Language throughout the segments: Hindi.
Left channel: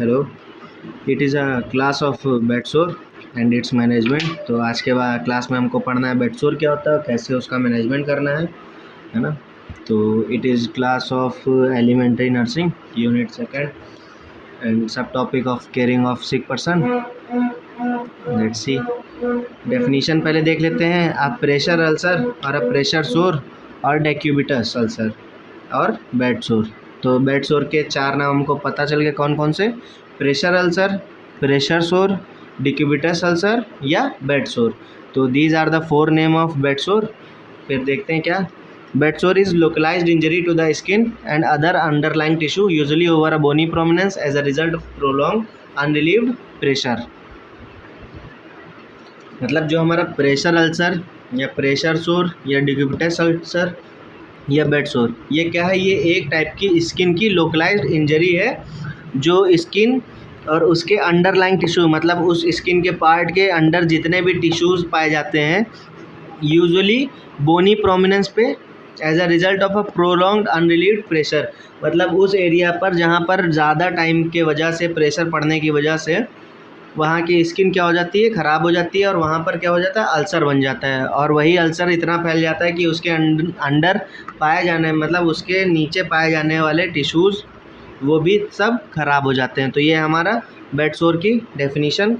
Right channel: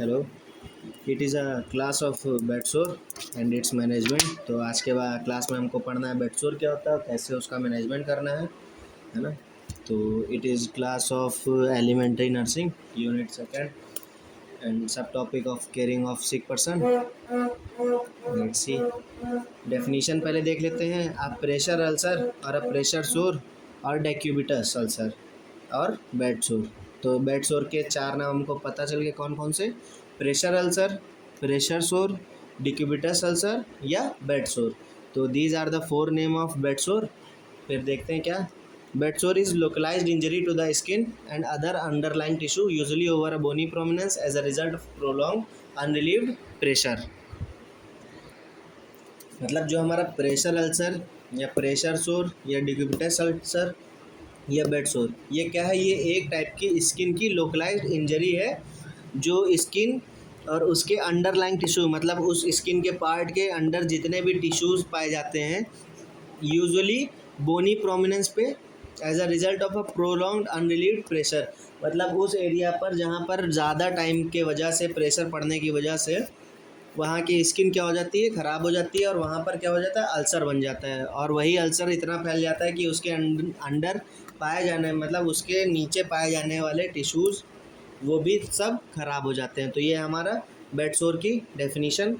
Hello, it is a class of bedsore and it's management. तो आज के बाद क्लास में हमको पढ़ना है बेडसोर क्या होता है, कैसे उसका मैनेजमेंट करना है ना। तो it is class of elementary nursing unit second and sub topic of caring of sick person. Let's see definition पहले देख लेते हैं। अ प्रेशर अल्सर और अ प्रेशर सोर और डेक्यूबिटस अल्सर और बेड सोर। तो बेड सोर के चार नाम हमको पता चल गए कौन कौन से, pressure ulcer, pressure sore, decubitus ulcer या बेड सोर। तो these are the four name of bed sore. फिर देखते हैं क्या। Bed sore is localized injury to the skin and other underlying tissue usually over a bony prominence as a result of prolong unrelieved pressure. मतलब जो हमारा प्रेशर अल्सर या प्रेशर सोर या डिक्यूबिटस अल्सर या बेड सोर, ये क्या है, ये एक टाइप की स्किन की लोकलाइज्ड इंजरी है जो स्किन और उसके अंडरलाइंग टिश्यू, मतलब उस स्किन के पार्ट के अंडर जितने भी टिश्यूज़ पाए जाते हैं यूजुअली बोनी प्रोमिनेंस पे as a result of a prolonged unrelieved pressure. मतलब उस एरिया पर जहाँ पर ज़्यादा टाइम के वजह से प्रेशर पड़ने की वजह से वहाँ की स्किन क्या हो जाती है, ख़राब हो जाती है और वहाँ पर क्या हो जाता है, अल्सर बन जाता है। और वही अल्सर इतना फैल जाता है कि उसके अंडर पाए जाने, मतलब उसके नीचे पाए जाने वाले टिश्यूज़ वो भी सब खराब हो जाते हैं। तो ये हमारा बेड सोर की definition.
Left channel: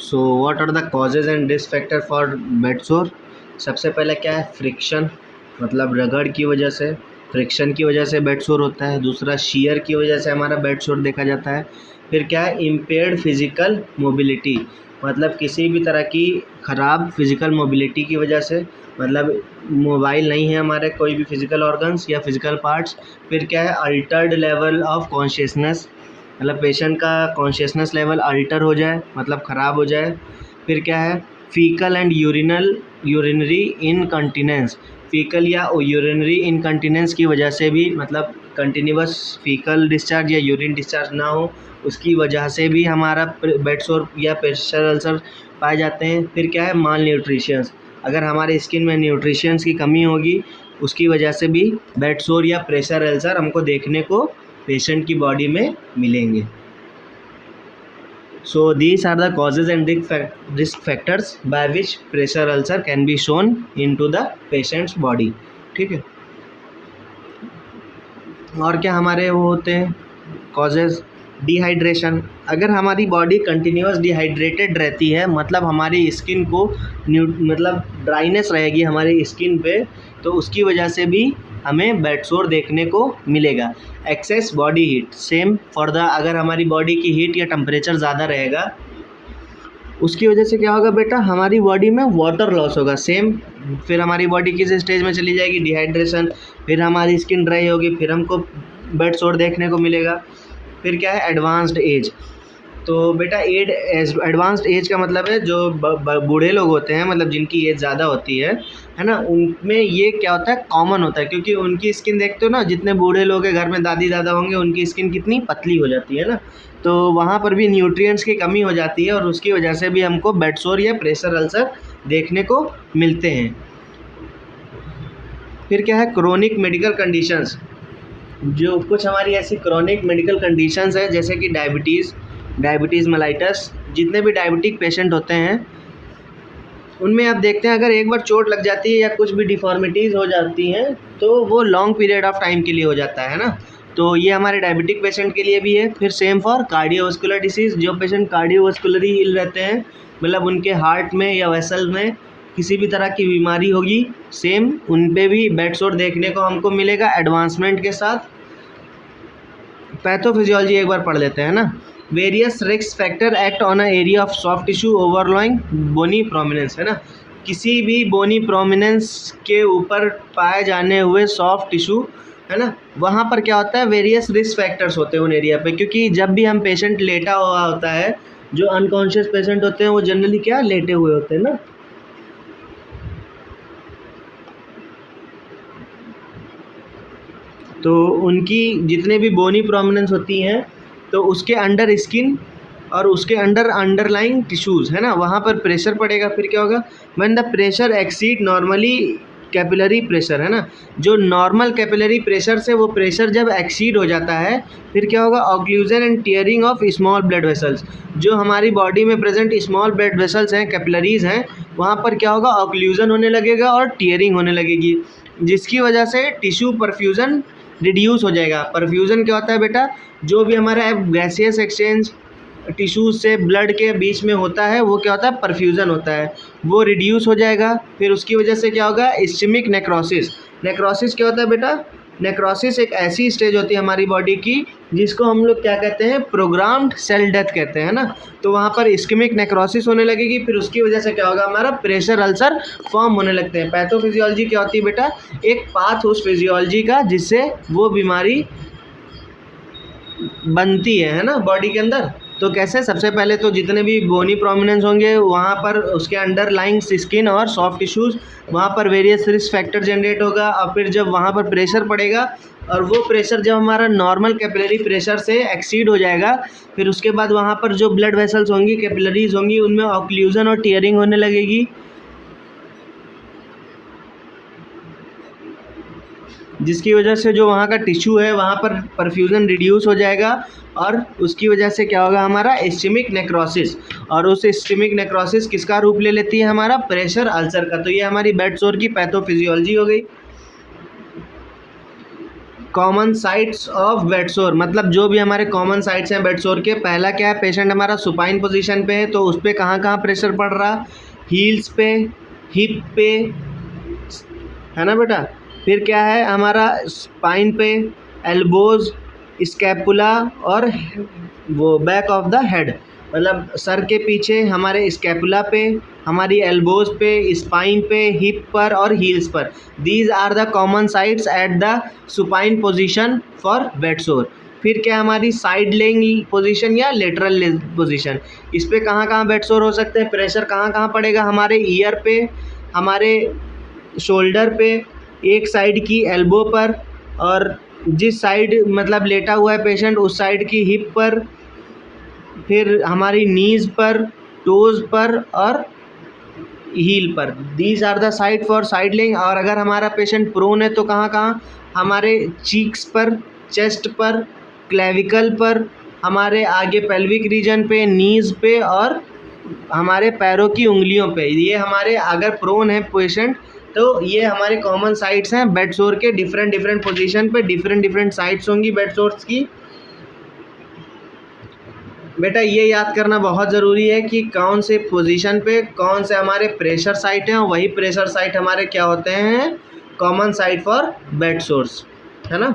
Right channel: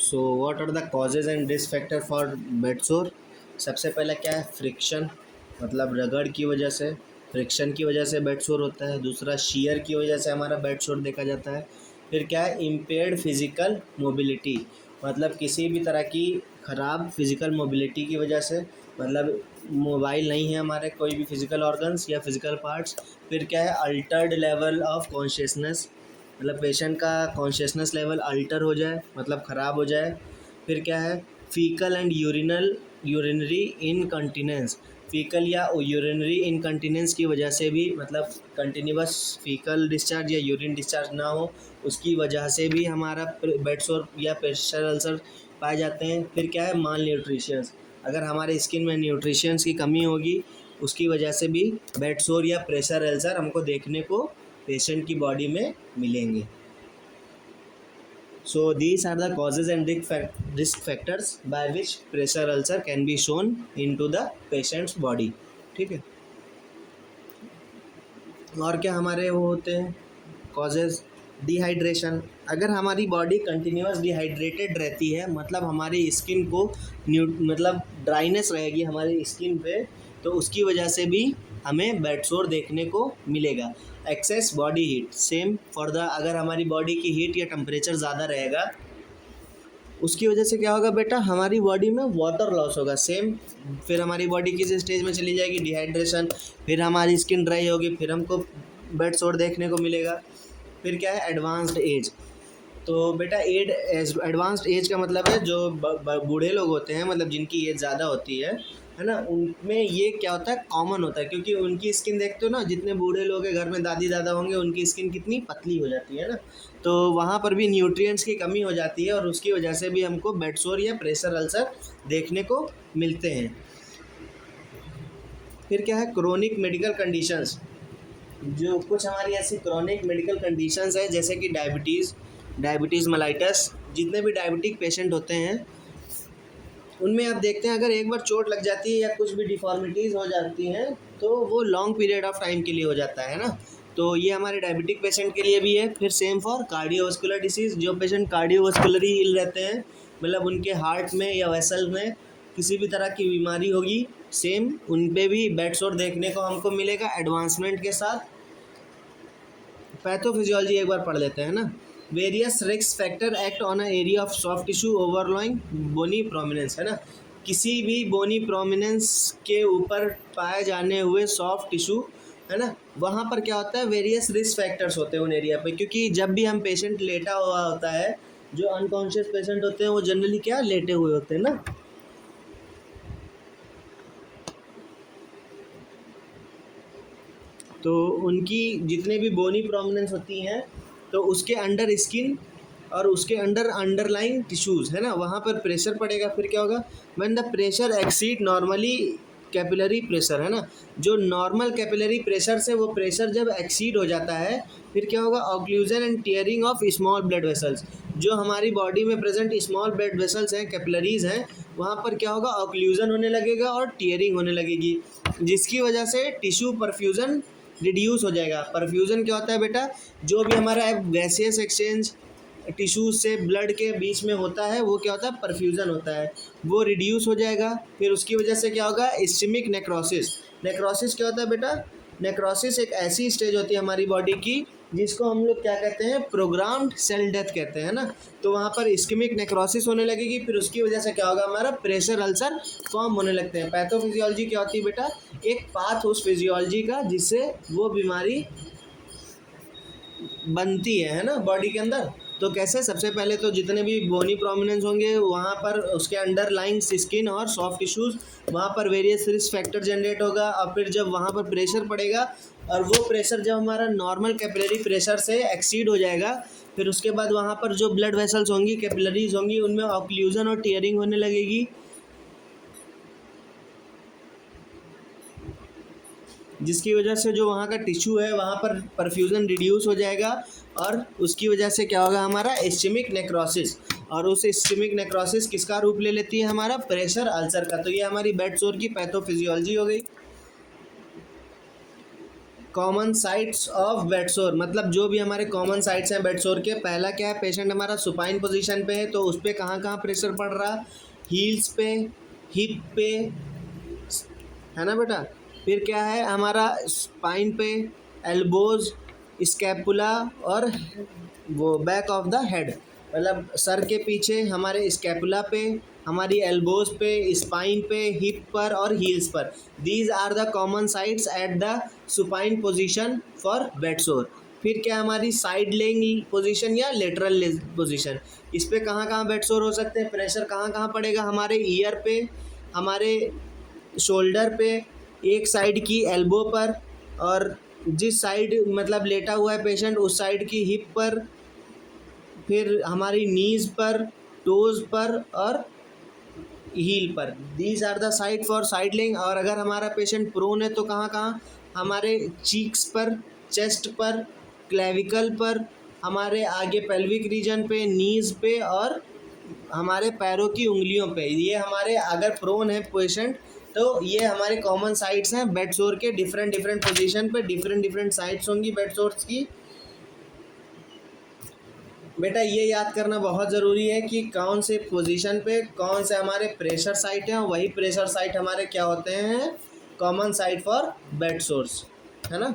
So what are the causes and risk factor for bed sore. सबसे पहले क्या है, फ्रिक्शन, मतलब रगड़ की वजह से, फ्रिक्शन की वजह से बेड सोर होता है। दूसरा, शियर की वजह से हमारा बेड सोर देखा जाता है। फिर क्या है, इम्पेयर्ड फिजिकल मोबिलिटी, मतलब किसी भी तरह की ख़राब फिजिकल मोबिलिटी की वजह से, मतलब मोबाइल नहीं है हमारे कोई भी फिजिकल ऑर्गन्स या फिजिकल पार्ट्स। फिर क्या है, अल्टर्ड लेवल ऑफ कॉन्शियसनेस, मतलब पेशेंट का कॉन्शियसनेस लेवल अल्टर हो जाए, मतलब ख़राब हो जाए। फिर क्या है, faecal and urinary incontinence, faecal या यूरिनरी इनकंटिनेंस की वजह से भी, मतलब कंटिन्यूस फीकल डिस्चार्ज या यूरिन डिस्चार्ज ना हो, उसकी वजह से भी हमारा बेड सोर या प्रेशर अल्सर पाए जाते हैं। फिर क्या है, माल न्यूट्रिशंस, अगर हमारे स्किन में न्यूट्रिशंस की कमी होगी उसकी वजह से भी बेड सोर या प्रेशर अल्सर हमको देखने को पेशेंट की बॉडी में मिलेंगे। So these are the causes and risk factors by which pressure ulcer can be shown into the patient's body। ठीक है। और क्या हमारे वो होते हैं कॉजेज, डिहाइड्रेशन, अगर हमारी बॉडी कंटिन्यूस डिहाइड्रेटेड रहती है, मतलब हमारी स्किन को मतलब ड्राइनेस रहेगी हमारी स्किन पे, तो उसकी वजह से भी हमें बेड सोर देखने को मिलेगा। Access body heat, same for the, अगर हमारी बॉडी की हीट या टेम्परेचर ज़्यादा रहेगा उसकी वजह से क्या होगा बेटा, हमारी बॉडी में वाटर लॉस होगा। सेम, फिर हमारी बॉडी किस स्टेज में चली जाएगी, डिहाइड्रेशन, फिर हमारी स्किन ड्राई होगी, फिर हमको बेड सोर देखने को मिलेगा। फिर क्या है, एडवांस्ड एज। तो बेटा एडवांस्ड एज का मतलब है जो बूढ़े लोग होते हैं, मतलब जिनकी एज ज़्यादा होती है ना, उनमें ये क्या होता है, कॉमन होता है, क्योंकि उनकी स्किन देखते हो ना, जितने बूढ़े लोग हैं घर में, दादी दादा होंगे, उनकी स्किन कितनी पतली हो जाती है ना, तो वहाँ पर भी न्यूट्रिएंट्स की कमी हो जाती है और उसकी वजह से भी हमको बेड सोर या प्रेशर अल्सर देखने को मिलते हैं। फिर क्या है, क्रोनिक मेडिकल कंडीशंस, जो कुछ हमारी ऐसी क्रोनिक मेडिकल कंडीशंस है जैसे कि डायबिटीज़ मेलाइटस, जितने भी डायबिटिक पेशेंट होते हैं उनमें आप देखते हैं अगर एक बार चोट लग जाती है या कुछ भी डिफॉर्मिटीज़ हो जाती हैं तो वो लॉन्ग पीरियड ऑफ टाइम के लिए हो जाता है ना। तो ये हमारे डायबिटिक पेशेंट के लिए भी है। फिर सेम फॉर कार्डियोवास्कुलर डिसीज़, जो पेशेंट कार्डियोवास्कुलरली इल रहते हैं, मतलब उनके हार्ट में या वेसल में किसी भी तरह की बीमारी होगी, सेम उन पे भी बेड सोर देखने को हमको मिलेगा एडवांसमेंट के साथ। पैथोफिजियोलॉजी एक बार पढ़ लेते हैं ना। Various risk factor act on a area of soft tissue overlying bony prominence, है ना, किसी भी बोनी प्रोमिनेंस के ऊपर पाए जाने हुए सॉफ्ट टिश्यू, है ना, वहाँ पर क्या होता है, वेरियस रिस्क फैक्टर्स होते हैं उन एरिया पे, क्योंकि जब भी हम पेशेंट लेटा हुआ होता है, जो अनकॉन्शियस पेशेंट होते हैं वो जनरली क्या लेटे हुए होते हैं ना, तो उनकी जितने भी बोनी प्रोमिनेंस होती हैं तो उसके अंडर स्किन और उसके अंडर अंडरलाइंग टिश्यूज़, है ना, वहाँ पर प्रेशर पड़ेगा। फिर क्या होगा, when the pressure exceed normally capillary pressure, है ना, जो नॉर्मल कैपिलरी प्रेशर से वो प्रेशर जब एक्सीड हो जाता है फिर क्या होगा, occlusion and tearing of small blood vessels, जो हमारी बॉडी में प्रेजेंट स्मॉल ब्लड वेसल्स हैं, कैपिलरीज हैं, वहाँ पर क्या होगा, ऑक्लूजन होने लगेगा और टीयरिंग होने लगेगी, जिसकी वजह से टिश्यू परफ्यूजन रिड्यूस हो जाएगा। परफ्यूजन क्या होता है बेटा, जो भी हमारा गैसियस एक्सचेंज टिश्यूज से ब्लड के बीच में होता है वो क्या होता है, परफ्यूजन होता है, वो रिड्यूस हो जाएगा। फिर उसकी वजह से क्या होगा, इस्चेमिक नेक्रोसिस। नेक्रोसिस क्या होता है बेटा, नेक्रोसिस एक ऐसी स्टेज होती है हमारी बॉडी की जिसको हम लोग क्या कहते हैं, प्रोग्राम्ड सेल डेथ कहते हैं ना। तो वहाँ पर इस्केमिक नेक्रोसिस होने लगेगी, फिर उसकी वजह से क्या होगा, हमारा प्रेशर अल्सर फॉर्म होने लगते हैं। पैथोफिजियोलॉजी क्या होती है बेटा, एक पाथ उस फिजियोलॉजी का जिससे वो बीमारी बनती है ना बॉडी के अंदर। तो कैसे, सबसे पहले तो जितने भी बोनी प्रोमिनेंस होंगे वहाँ पर उसके अंडरलाइंग स्किन और सॉफ्ट टिश्यूज़, वहाँ पर वेरियस रिस्क फैक्टर जनरेट होगा, और फिर जब वहाँ पर प्रेशर पड़ेगा और वो प्रेशर जब हमारा नॉर्मल कैपिलरी प्रेशर से एक्सीड हो जाएगा, फिर उसके बाद वहाँ पर जो ब्लड वेसल्स होंगी, कैपिलरीज होंगी, उनमें ऑक्लूजन और टीयरिंग होने लगेगी, जिसकी वजह से जो वहाँ का टिश्यू है वहाँ पर परफ्यूजन रिड्यूस हो जाएगा, और उसकी वजह से क्या होगा, हमारा इस्चेमिक नेक्रोसिस, और उस इस्चेमिक नेक्रोसिस किसका रूप ले लेती है, हमारा प्रेशर अल्सर का। तो ये हमारी बेड सोर की पैथोफिजियोलॉजी हो गई। कॉमन साइट्स ऑफ बेड सोर, मतलब जो भी हमारे कॉमन साइट्स हैं बेड सोर के, पहला क्या है, पेशेंट हमारा सुपाइन पोजीशन पे है तो उस पर कहाँ कहाँ प्रेशर पड़ रहा, हील्स पे, हिप पे, है ना बेटा। फिर क्या है हमारा स्पाइन पे, एल्बोज, स्कैपुला और वो बैक ऑफ द हेड, मतलब सर के पीछे हमारे स्कैपुला पे, हमारी एल्बोज पे, स्पाइन पे, हिप पर और हील्स पर। These are the common sites at the supine position for bed sore. फिर क्या हमारी साइड लेइंग पोजीशन या लेटरल पोजीशन, इस पे कहाँ कहाँ बेड सोर हो सकते हैं, प्रेशर कहाँ कहाँ पड़ेगा, हमारे ईयर पे, हमारे शोल्डर पे, एक साइड की एल्बो पर, और जिस साइड मतलब लेटा हुआ है पेशेंट उस साइड की हिप पर, फिर हमारी नीज़ पर, टोज़ पर और हील पर। These are the side for side lying. और अगर हमारा पेशेंट प्रोन है तो कहाँ कहाँ, हमारे चीक्स पर, चेस्ट पर, क्लेविकल पर, हमारे आगे पेल्विक रीजन पे, नीज़ पे और हमारे पैरों की उंगलियों पे। ये हमारे अगर प्रोन है पेशेंट तो ये हमारे कॉमन साइट्स हैं बेड सोर के। डिफरेंट डिफरेंट पोजीशन पे डिफरेंट डिफरेंट साइट्स होंगी बेड सोर्स की। बेटा ये याद करना बहुत ज़रूरी है कि कौन से पोजीशन पे कौन से हमारे प्रेशर साइट हैं, और वही प्रेशर साइट हमारे क्या होते हैं, common site for bed source, है ना।